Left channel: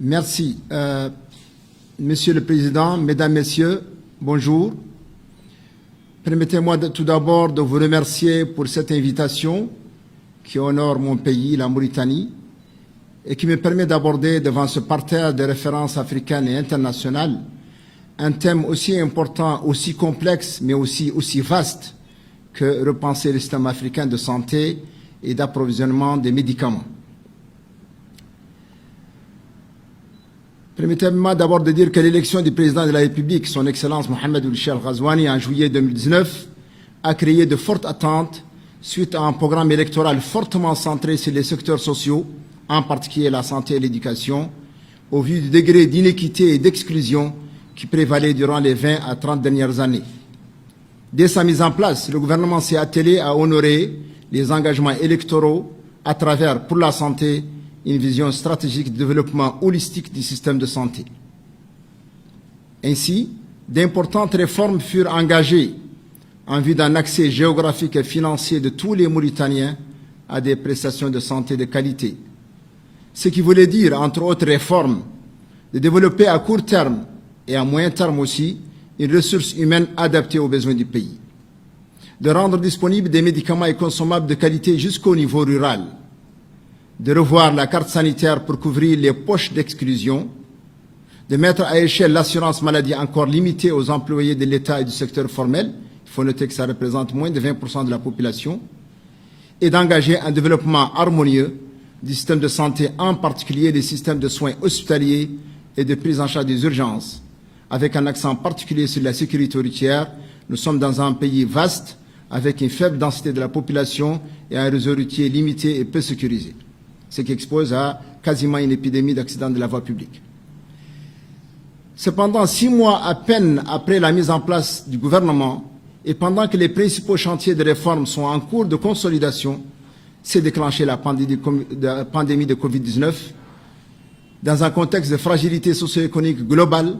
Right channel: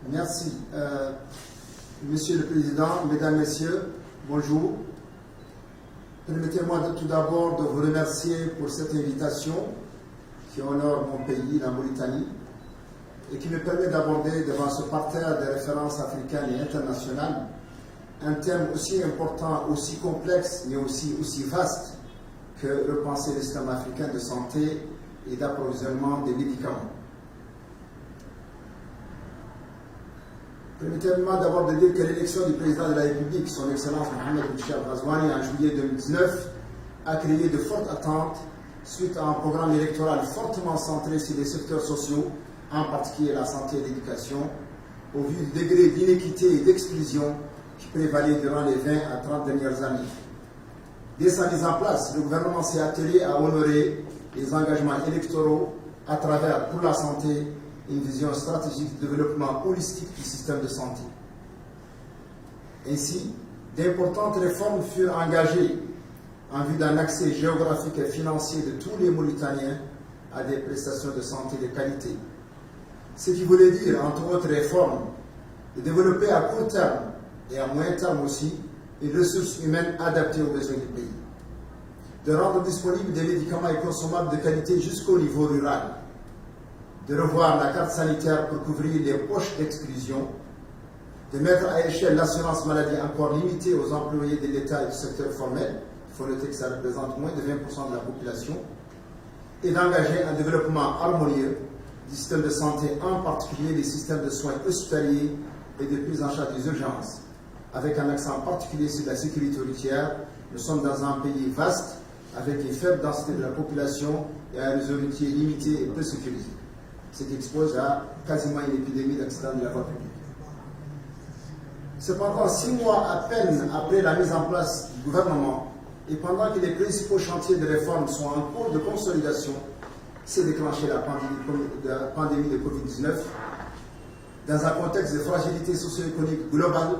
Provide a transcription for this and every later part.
Merci. Monsieur le Président, Mesdames, Messieurs, bonjour. Permettez-moi tout d'abord de vous remercier pour cette invitation qui honore mon pays, la Mauritanie, et qui me permet d'aborder devant ce parterre de références africaines et internationales un thème aussi important, aussi complexe, mais aussi vaste que repenser le système africain de santé et d'approvisionnement des médicaments. Permettez-moi d'abord de dire que l'élection du président de la République, son Excellence Mohamed Ould Cheikh Ghazouani, en juillet 2019, a créé de fortes attentes suite à un programme électoral fortement centré sur les secteurs sociaux, en particulier la santé et l'éducation, au vu du degré d'inéquité et d'exclusion qui prévalait durant les 20 à 30 dernières années. Dès sa mise en place, le gouvernement s'est attelé à honorer les engagements électoraux à travers, pour la santé, une vision stratégique de développement holistique du système de santé. Ainsi, d'importantes réformes furent engagées en vue d'un accès géographique et financier de tous les Mauritaniens à des prestations de santé de qualité. Ce qui voulait dire, entre autres réformes, de développer à court terme et à moyen terme aussi une ressource humaine adaptée aux besoins du pays, de rendre disponibles des médicaments et consommables de qualité jusqu'au niveau rural, de revoir la carte sanitaire pour couvrir les poches d'exclusion, de mettre à échelle l'assurance maladie encore limitée aux employés de l'État et du secteur formel, il faut noter que ça représente moins de 20% de la population, et d'engager un développement harmonieux du système de santé, en particulier des systèmes de soins hospitaliers et de prise en charge des urgences, avec un accent particulier sur la sécurité routière. Nous sommes dans un pays vaste, avec une faible densité de la population et un réseau routier limité et peu sécurisé, ce qui expose à quasiment une épidémie d'accidents de la voie publique. Cependant, 6 mois à peine après la mise en place du gouvernement, et pendant que les principaux chantiers de réforme sont en cours de consolidation, s'est déclenchée la pandémie de Covid-19 dans un contexte de fragilité socio-économique globale,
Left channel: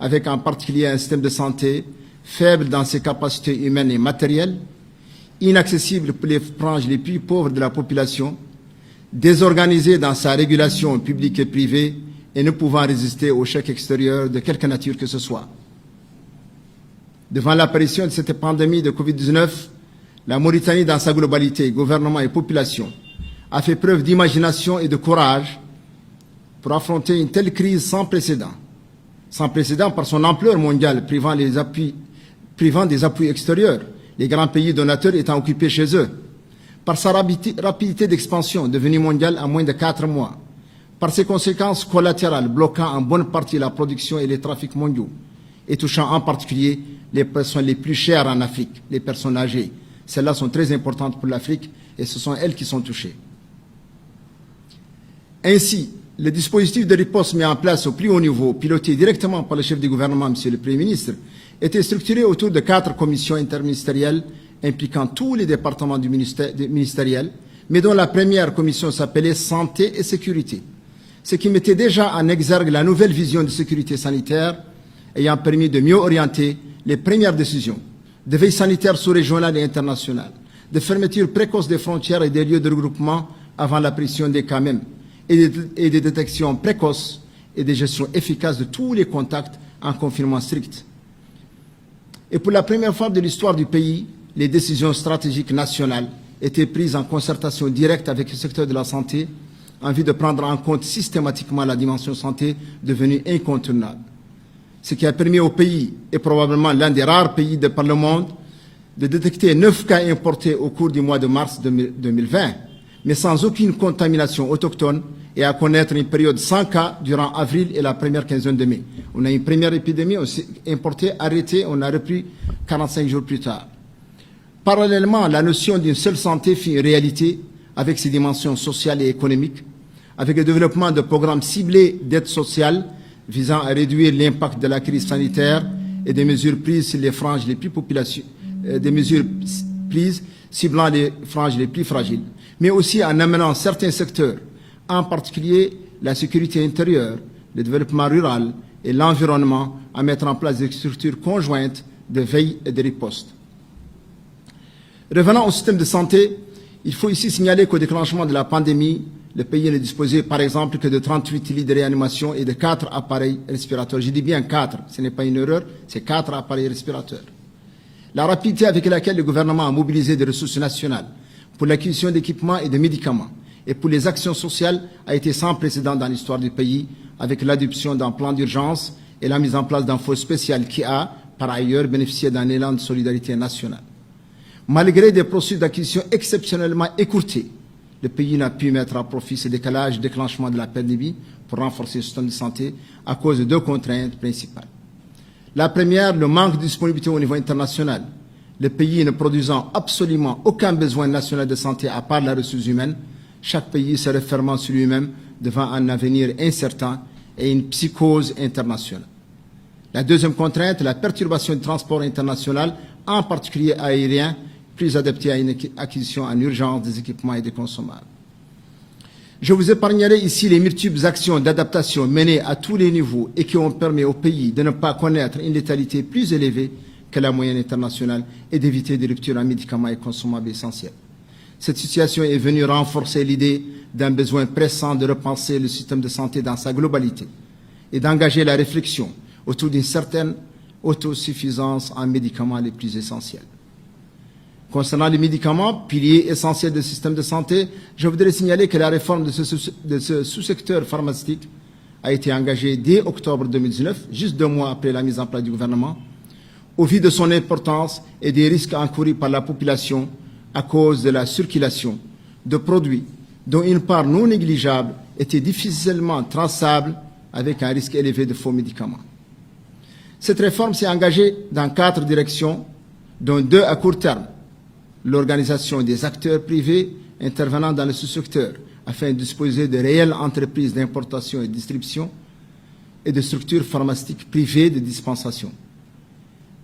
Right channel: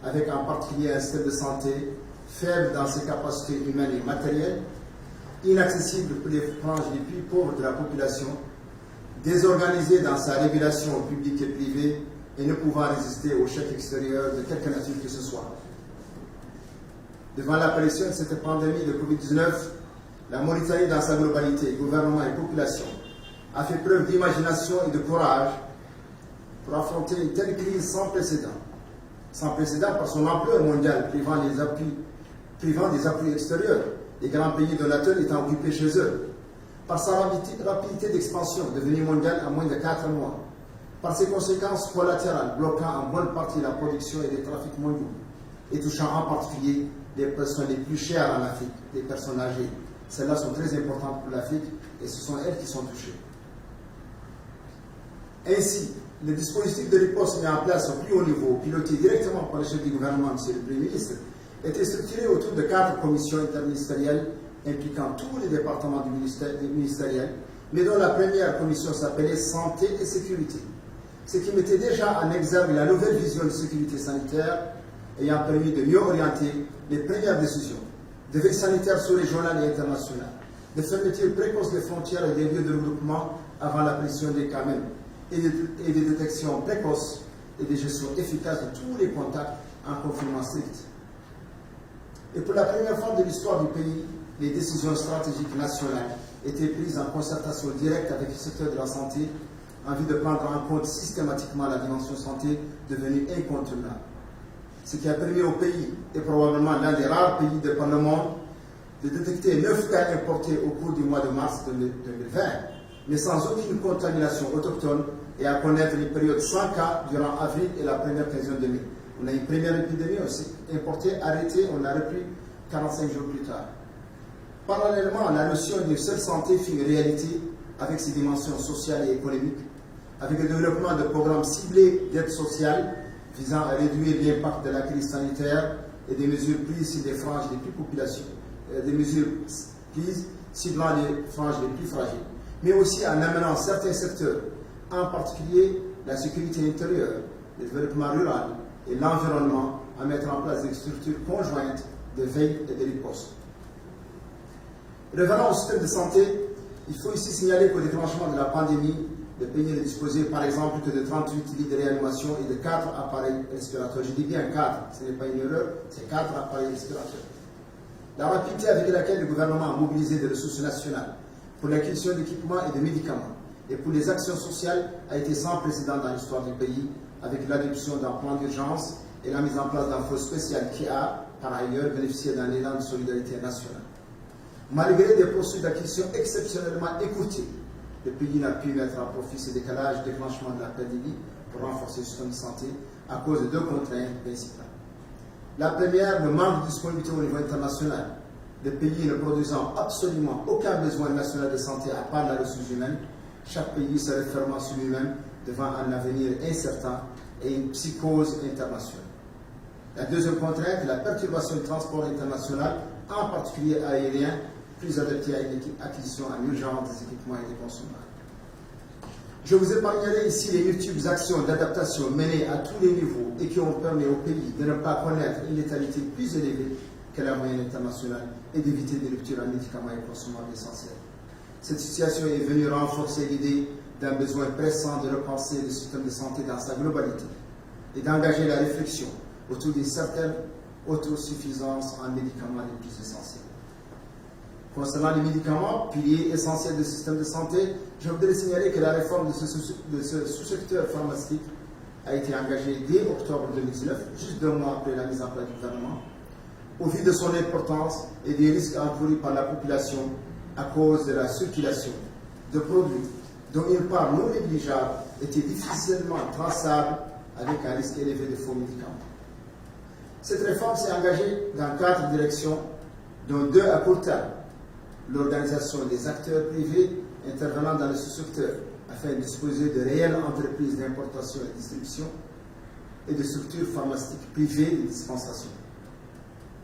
avec en particulier un système de santé faible dans ses capacités humaines et matérielles, inaccessible pour les franges les plus pauvres de la population, désorganisé dans sa régulation publique et privée et ne pouvant résister aux chocs extérieurs de quelque nature que ce soit. Devant l'apparition de cette pandémie de Covid-19, la Mauritanie dans sa globalité, gouvernement et population, a fait preuve d'imagination et de courage pour affronter une telle crise sans précédent par son ampleur mondiale, privant des appuis extérieurs, les grands pays donateurs étant occupés chez eux, par sa rapidité d'expansion devenue mondiale en moins de 4 mois, par ses conséquences collatérales bloquant en bonne partie la production et les trafics mondiaux, et touchant en particulier les personnes les plus chères en Afrique, les personnes âgées. Celles-là sont très importantes pour l'Afrique et ce sont elles qui sont touchées. Ainsi, le dispositif de riposte mis en place au plus haut niveau, piloté directement par le chef du gouvernement, M. le Premier ministre, était structuré autour de 4 commissions interministérielles impliquant tous les départements ministériels, mais dont la première commission s'appelait Santé et Sécurité, ce qui mettait déjà en exergue la nouvelle vision de sécurité sanitaire ayant permis de mieux orienter les premières décisions de veille sanitaire sous-régionale et internationale, de fermeture précoce des frontières et des lieux de regroupement avant l'apparition des cas même, et des détections précoces et des gestions efficaces de tous les contacts en confinement strict. Et pour la première fois de l'histoire du pays, les décisions stratégiques nationales étaient prises en concertation directe avec le secteur de la santé en vue de prendre en compte systématiquement la dimension santé devenue incontournable. Ce qui a permis au pays, et probablement l'un des rares pays par le monde, de détecter 9 cas importés au cours du mois de mars 2020, mais sans aucune contamination autochtone, et à connaître une période sans cas durant avril et la première quinzaine de mai. On a une première épidémie importée, arrêtée, on a repris 45 jours plus tard. Parallèlement, la notion d'une seule santé fut une réalité avec ses dimensions sociales et économiques, avec le développement de programmes ciblés d'aide sociale visant à réduire l'impact de la crise sanitaire et des mesures prises sur les franges les plus ciblant les franges les plus fragiles, mais aussi en amenant certains secteurs, en particulier la sécurité intérieure, le développement rural et l'environnement, à mettre en place des structures conjointes de veille et de riposte. Revenant au système de santé, il faut ici signaler qu'au déclenchement de la pandémie, le pays ne disposait par exemple que de 38 lits de réanimation et de 4 appareils respirateurs. Je dis bien 4, ce n'est pas une erreur, c'est 4 appareils respirateurs. La rapidité avec laquelle le gouvernement a mobilisé des ressources nationales pour l'acquisition d'équipements et de médicaments et pour les actions sociales a été sans précédent dans l'histoire du pays, avec l'adoption d'un plan d'urgence et la mise en place d'un fonds spécial qui a, par ailleurs, bénéficié d'un élan de solidarité nationale. Malgré des procédures d'acquisition exceptionnellement écourtées, le pays n'a pu mettre à profit ce décalage de déclenchement de la pandémie pour renforcer le système de santé à cause de 2 contraintes principales. La première, le manque de disponibilité au niveau international. Le pays ne produisant absolument aucun besoin national de santé à part la ressource humaine, chaque pays se refermant sur lui-même devant un avenir incertain et une psychose internationale. La deuxième contrainte, la perturbation du transport international, en particulier aérien, plus adapté à une acquisition en urgence des équipements et des consommables. Je vous épargnerai ici les multiples actions d'adaptation menées à tous les niveaux et qui ont permis au pays de ne pas connaître une létalité plus élevée que la moyenne internationale et d'éviter des ruptures en médicaments et consommables essentiels. Cette situation est venue renforcer l'idée d'un besoin pressant de repenser le système de santé dans sa globalité et d'engager la réflexion autour d'une certaine autosuffisance en médicaments les plus essentiels. Concernant les médicaments, piliers essentiels du système de santé, je voudrais signaler que la réforme de ce sous-secteur pharmaceutique a été engagée dès octobre 2019, juste 2 mois après la mise en place du gouvernement, au vu de son importance et des risques encourus par la population à cause de la circulation de produits dont une part non négligeable était difficilement traçable avec un risque élevé de faux médicaments. Cette réforme s'est engagée dans 4 directions, dont 2 à court terme. L'organisation des acteurs privés intervenant dans le sous-secteur afin de disposer de réelles entreprises d'importation et de distribution et de structures pharmaceutiques privées de dispensation.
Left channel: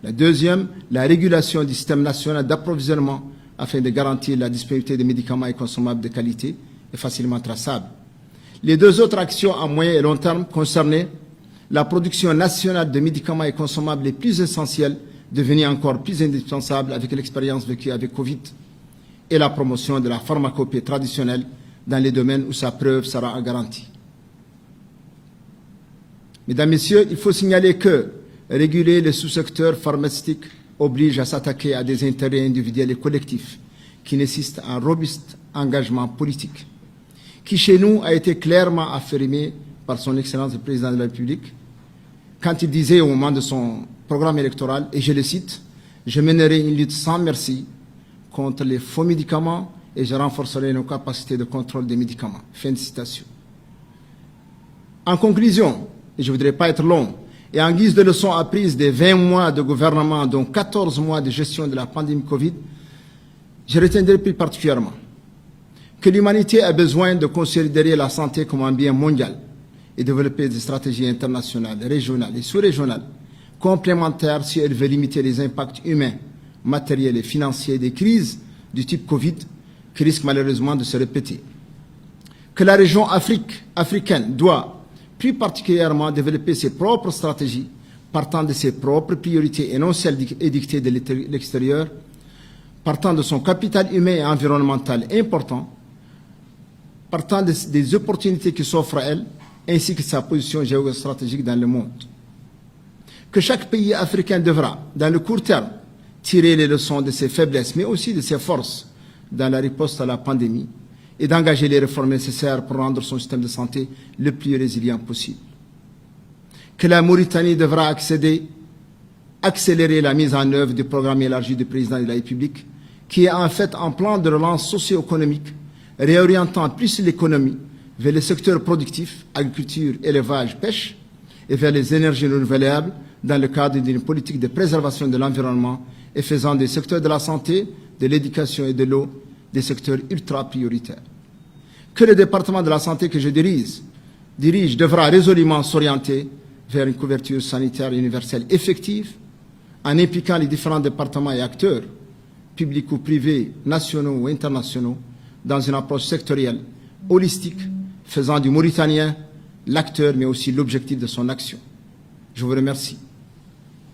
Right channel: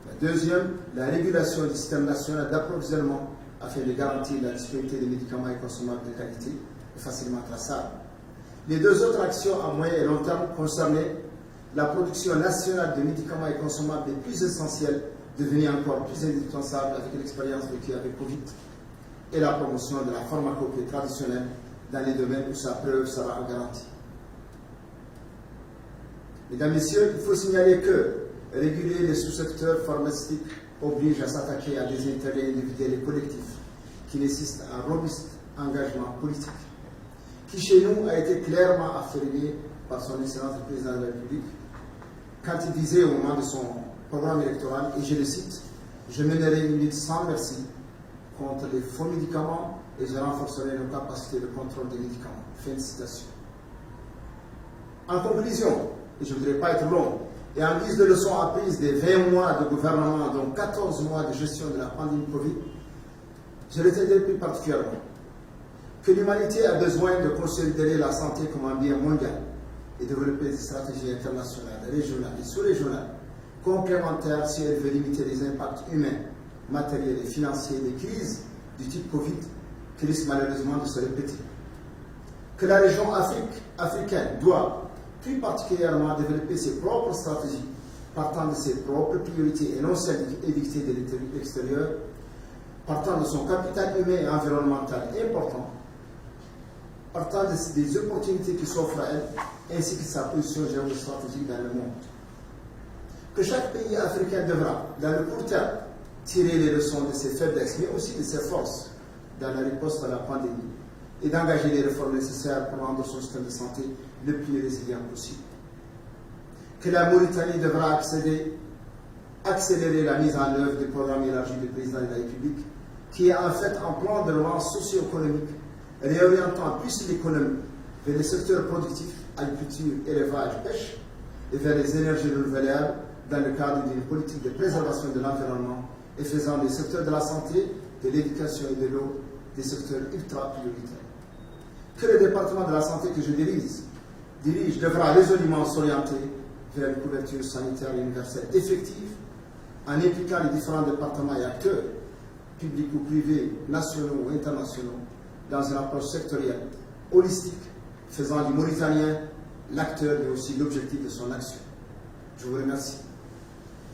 La deuxième, la régulation du système national d'approvisionnement afin de garantir la disponibilité de médicaments et consommables de qualité et facilement traçables. Les 2 autres actions à moyen et long terme concernaient la production nationale de médicaments et consommables les plus essentiels, devenus encore plus indispensables avec l'expérience vécue avec Covid, et la promotion de la pharmacopée traditionnelle dans les domaines où sa preuve sera garantie. Mesdames, Messieurs, il faut signaler que réguler le sous-secteur pharmaceutique oblige à s'attaquer à des intérêts individuels et collectifs qui nécessitent un robuste engagement politique, qui chez nous a été clairement affirmé par son Excellence le Président de la République quand il disait au moment de son programme électoral, et je le cite, « Je mènerai une lutte sans merci contre les faux médicaments et je renforcerai nos capacités de contrôle des médicaments. » Fin de citation. En conclusion, et je ne voudrais pas être long, et en guise de leçon apprise des 20 mois de gouvernement, dont 14 mois de gestion de la pandémie Covid, je retiendrai plus particulièrement que l'humanité a besoin de considérer la santé comme un bien mondial et développer des stratégies internationales, régionales et sous-régionales complémentaires si elle veut limiter les impacts humains, matériels et financiers des crises du type Covid qui risquent malheureusement de se répéter. Que la région africaine doit plus particulièrement développer ses propres stratégies partant de ses propres priorités et non celles édictées de l'extérieur, partant de son capital humain et environnemental important, partant des opportunités qui s'offrent à elle, ainsi que de sa position géostratégique dans le monde. Que chaque pays africain devra, dans le court terme, tirer les leçons de ses faiblesses, mais aussi de ses forces dans la riposte à la pandémie et d'engager les réformes nécessaires pour rendre son système de santé le plus résilient possible. Que la Mauritanie devra accélérer la mise en œuvre du programme élargi du président de la République, qui est en fait un plan de relance socio-économique réorientant plus l'économie vers les secteurs productifs, agriculture, élevage, pêche, et vers les énergies renouvelables dans le cadre d'une politique de préservation de l'environnement et faisant des secteurs de la santé, de l'éducation et de l'eau des secteurs ultra prioritaires. Que le département de la santé que je dirige devra résolument s'orienter vers une couverture sanitaire universelle effective en impliquant les différents départements et acteurs, publics ou privés, nationaux ou internationaux, dans une approche sectorielle, holistique, faisant du Mauritanien l'acteur mais aussi l'objectif de son action. Je vous remercie.